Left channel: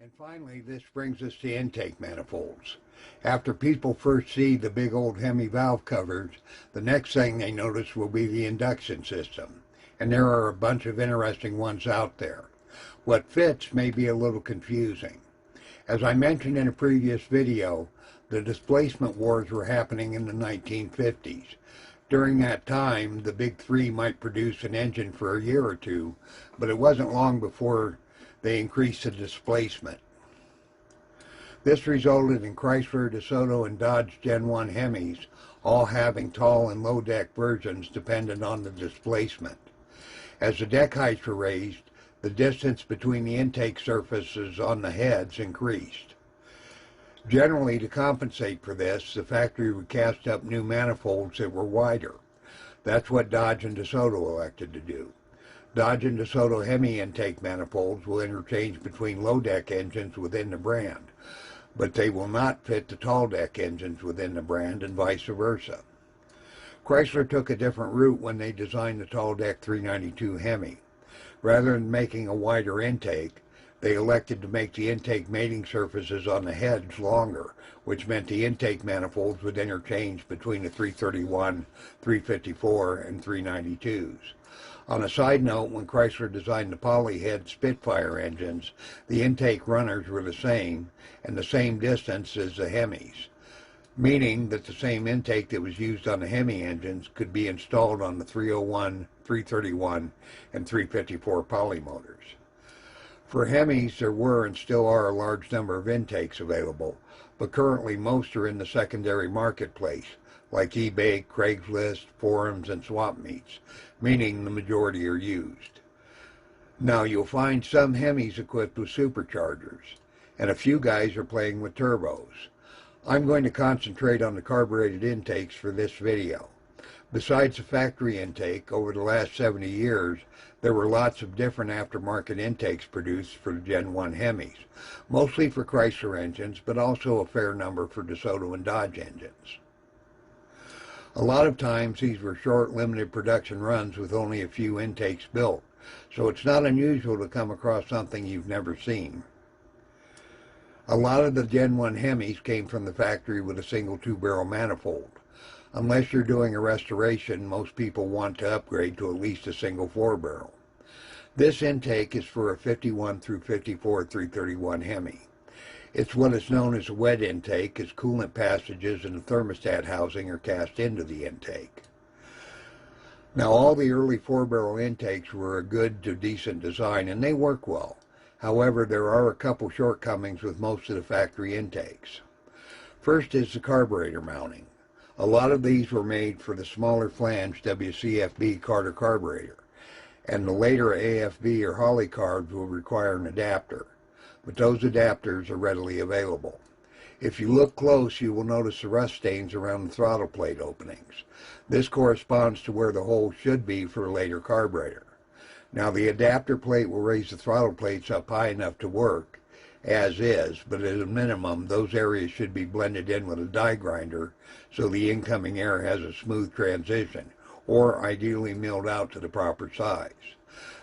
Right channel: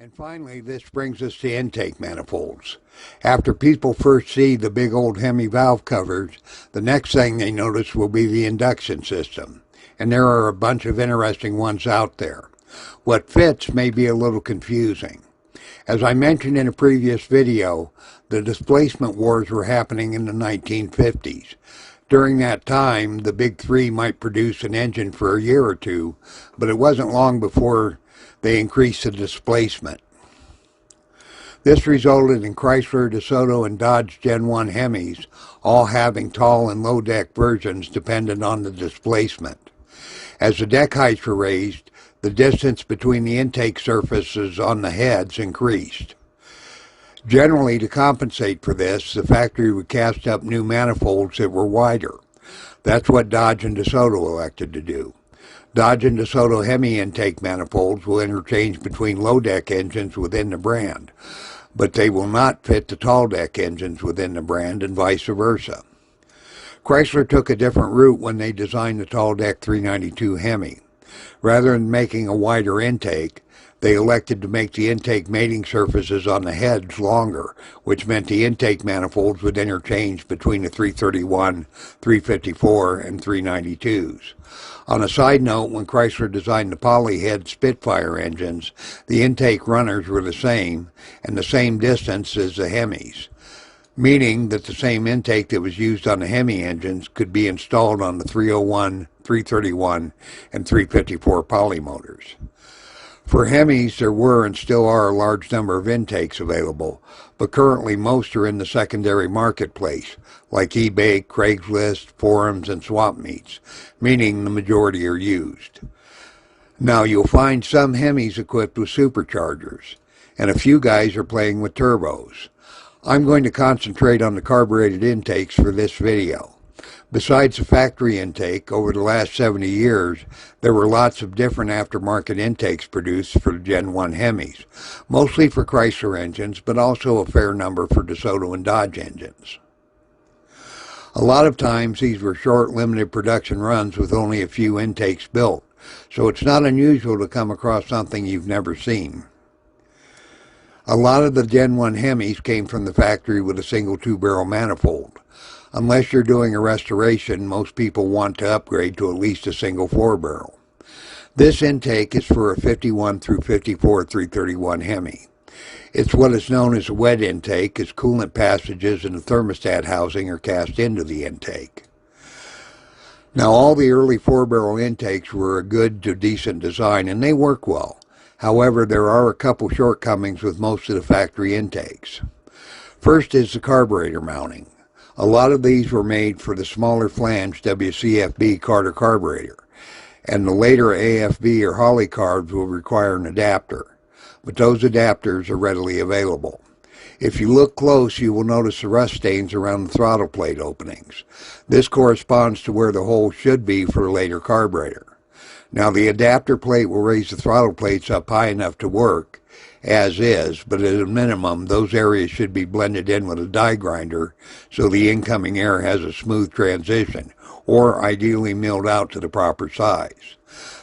And finally, this brings us to intake manifolds. After people first see the big old HEMI valve covers, the next thing they notice will be the induction system. And there are a bunch of interesting ones out there. What fits may be a little confusing. As I mentioned in a previous video, the displacement wars were happening in the 1950s. During that time, the big three might produce an engine for a year or two, but it wasn't long before they increased the displacement. This resulted in Chrysler, DeSoto, and Dodge Gen 1 HEMIs all having tall and low deck versions dependent on the displacement. As the deck heights were raised, the distance between the intake surfaces on the heads increased. Generally, to compensate for this, the factory would cast up new manifolds that were wider. That's what Dodge and DeSoto elected to do. Dodge and DeSoto HEMI intake manifolds will interchange between low-deck engines within the brand, but they will not fit the tall-deck engines within the brand and vice versa. Chrysler took a different route when they designed the tall-deck 392 HEMI. Rather than making a wider intake, they elected to make the intake mating surfaces on the heads longer, which meant the intake manifolds would interchange between the 331, 354, and 392s. On a side note, when Chrysler designed the polyhead Spitfire engines, the intake runners were the same and the same distance as the HEMIs, meaning that the same intake that was used on the HEMI engines could be installed on the 301, 331, and 354 poly motors. For HEMIs, there were and still are a large number of intakes available, but currently most are in the secondary marketplace, like eBay, Craigslist, forums, and swap meets, meaning the majority are used. Now, you'll find some HEMIs equipped with superchargers, and a few guys are playing with turbos. I'm going to concentrate on the carbureted intakes for this video. Besides the factory intake, over the last 70 years, there were lots of different aftermarket intakes produced for the Gen 1 HEMIs, mostly for Chrysler engines, but also a fair number for DeSoto and Dodge engines. A lot of times, these were short, limited production runs with only a few intakes built, so it's not unusual to come across something you've never seen. A lot of the Gen 1 HEMIs came from the factory with a single two-barrel manifold. Unless you're doing a restoration, most people want to upgrade to at least a single four-barrel. This intake is for a 51 through 54 331 HEMI. It's what is known as a wet intake, as coolant passages and the thermostat housing are cast into the intake. Now, all the early four-barrel intakes were a good to decent design, and they work well. However, there are a couple shortcomings with most of the factory intakes. First is the carburetor mounting. A lot of these were made for the smaller flange WCFB Carter carburetor, and the later AFB or Holly carbs will require an adapter, but those adapters are readily available. If you look close, you will notice the rust stains around the throttle plate openings. This corresponds to where the hole should be for a later carburetor. Now, the adapter plate will raise the throttle plates up high enough to work, as is, but at a minimum, those areas should be blended in with a die grinder so the incoming air has a smooth transition, or ideally milled out to the proper size.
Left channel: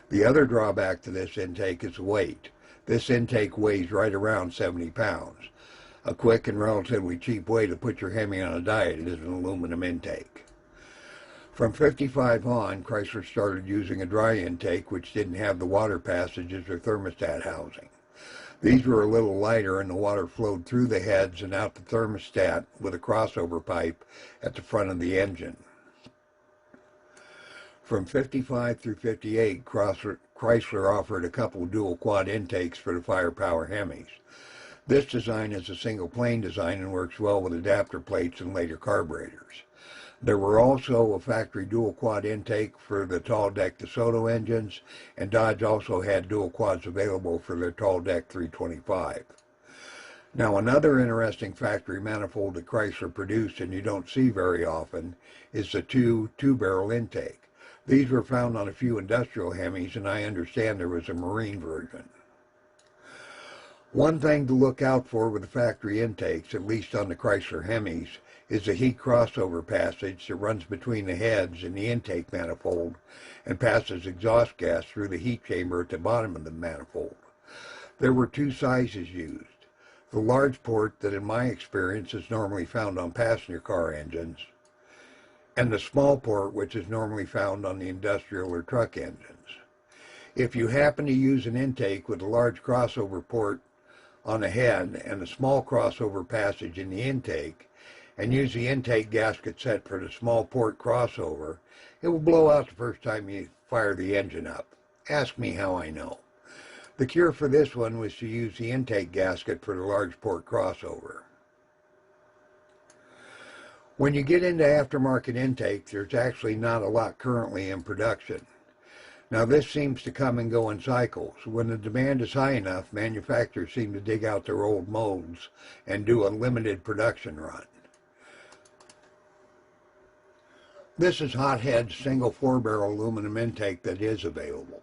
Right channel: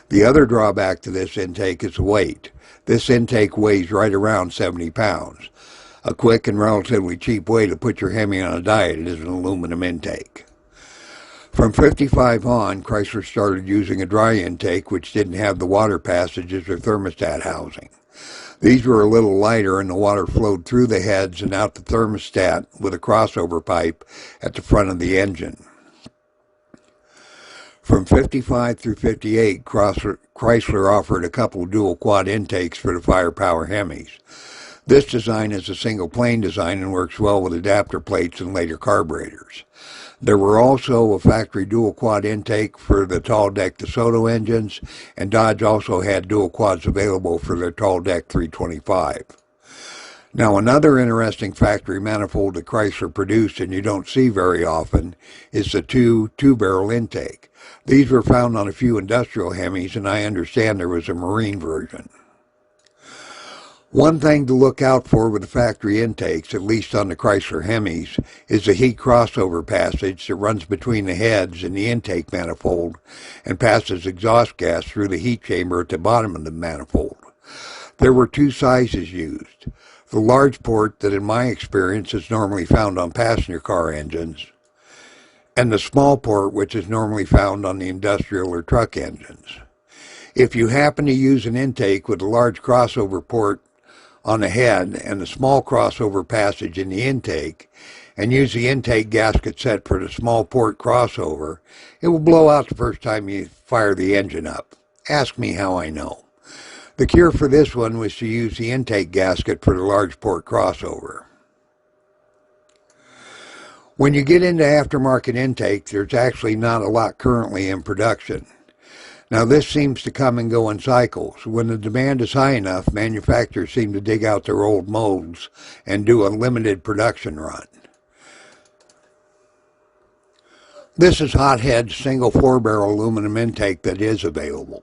The other drawback to this intake is the weight. This intake weighs right around 70 pounds. A quick and relatively cheap way to put your HEMI on a diet is an aluminum intake. From 55 on, Chrysler started using a dry intake which didn't have the water passages or thermostat housing. These were a little lighter and the water flowed through the heads and out the thermostat with a crossover pipe at the front of the engine. From 55 through 58, Chrysler offered a couple dual quad intakes for the firepower HEMIs. This design is a single plane design and works well with adapter plates and later carburetors. There were also a factory dual quad intake for the tall deck DeSoto engines, and Dodge also had dual quads available for their tall deck 325. Now, another interesting factory manifold that Chrysler produced and you don't see very often is the two-barrel intake. These were found on a few industrial HEMIs, and I understand there was a marine version. One thing to look out for with the factory intakes, at least on the Chrysler HEMIs, is the heat crossover passage that runs between the heads and the intake manifold and passes exhaust gas through the heat chamber at the bottom of the manifold. There were two sizes used. The large port that in my experience is normally found on passenger car engines, and the small port which is normally found on the industrial or truck engines. If you happen to use an intake with a large crossover port on the head and a small crossover passage in the intake, and use the intake gasket set for the small port crossover, it will blow out the first time you fire the engine up. Ask me how I know. The cure for this one was to use the intake gasket for the large port crossover. When you get into aftermarket intakes, there's actually not a lot currently in production. Now this seems to come and go in cycles. When the demand is high enough, manufacturers seem to dig out their old molds and do a limited production run. This is Hothead's single 4-barrel aluminum intake that is available.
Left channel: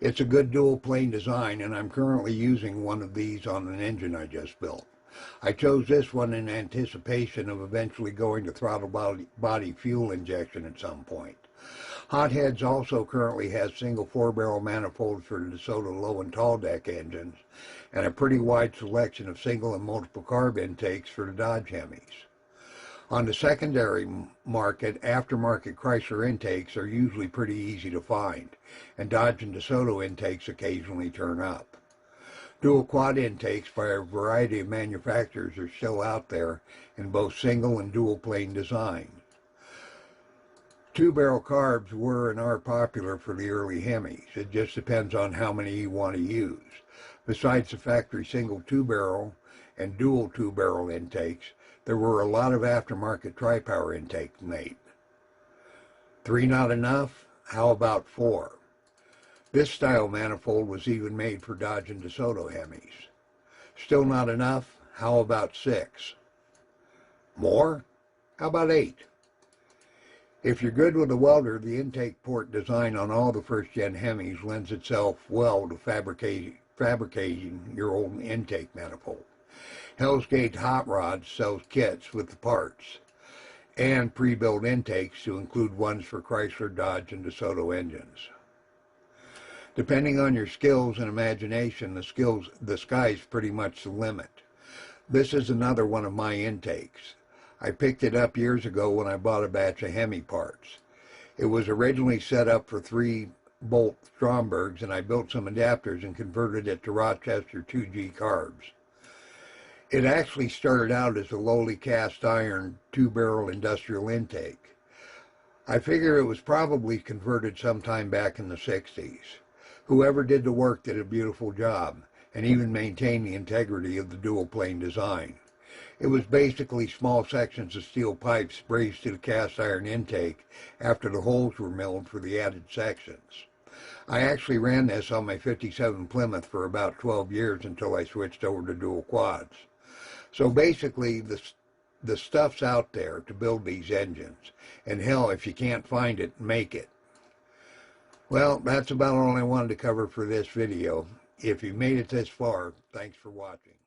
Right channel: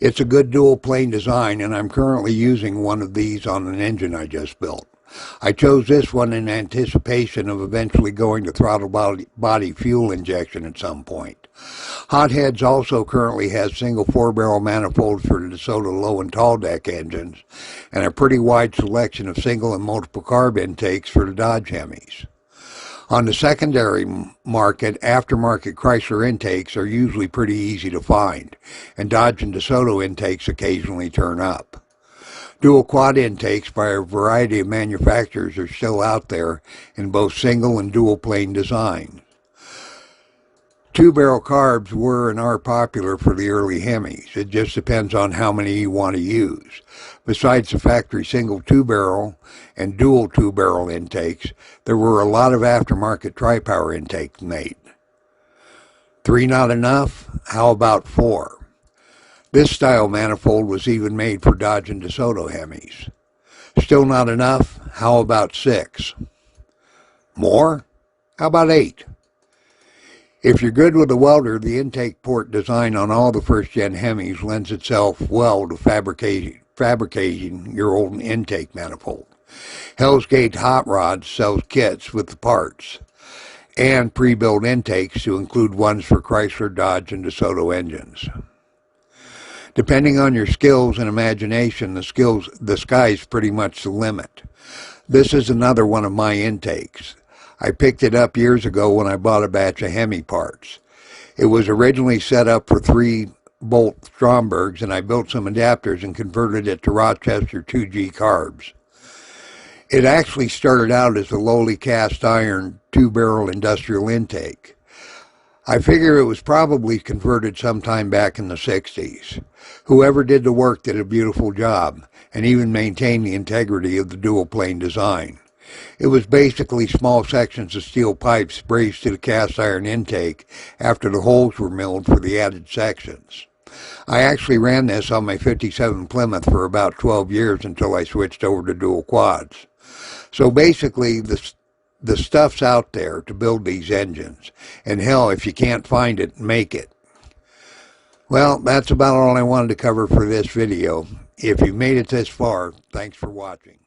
It's a good dual plane design, and I'm currently using one of these on an engine I just built. I chose this one in anticipation of eventually going to throttle body fuel injection at some point. Hotheads also currently has single 4-barrel manifolds for the DeSoto low and tall deck engines, and a pretty wide selection of single and multiple carb intakes for the Dodge HEMIs. On the secondary market, aftermarket Chrysler intakes are usually pretty easy to find, and Dodge and DeSoto intakes occasionally turn up. Dual quad intakes by a variety of manufacturers are still out there in both single and dual plane designs. 2-barrel carbs were and are popular for the early HEMIs. It just depends on how many you want to use. Besides the factory single 2-barrel and dual 2-barrel intakes, there were a lot of aftermarket tri-power intakes made. 3 not enough? How about 4? This style manifold was even made for Dodge and DeSoto HEMIs. Still not enough? How about 6? More? How about 8? If you're good with a welder, the intake port design on all the first-gen HEMIs lends itself well to fabricating your old intake manifold. Hell's Gate Hot Rods sells kits with the parts and pre-built intakes to include ones for Chrysler, Dodge, and DeSoto engines. Depending on your skills and imagination, the sky's pretty much the limit. This is another one of my intakes. I picked it up years ago when I bought a batch of HEMI parts. It was originally set up for 3-bolt Strombergs, and I built some adapters and converted it to Rochester 2G carbs. It actually started out as a lowly cast iron 2-barrel industrial intake. I figure it was probably converted sometime back in the 60s. Whoever did the work did a beautiful job, and even maintained the integrity of the dual plane design. It was basically small sections of steel pipes braced to the cast iron intake after the holes were milled for the added sections. I actually ran this on my 57 Plymouth for about 12 years until I switched over to dual quads. So basically the stuff's out there to build these engines, and hell, if you can't find it, make it. Well, that's about all I wanted to cover for this video. If you made it this far, thanks for watching.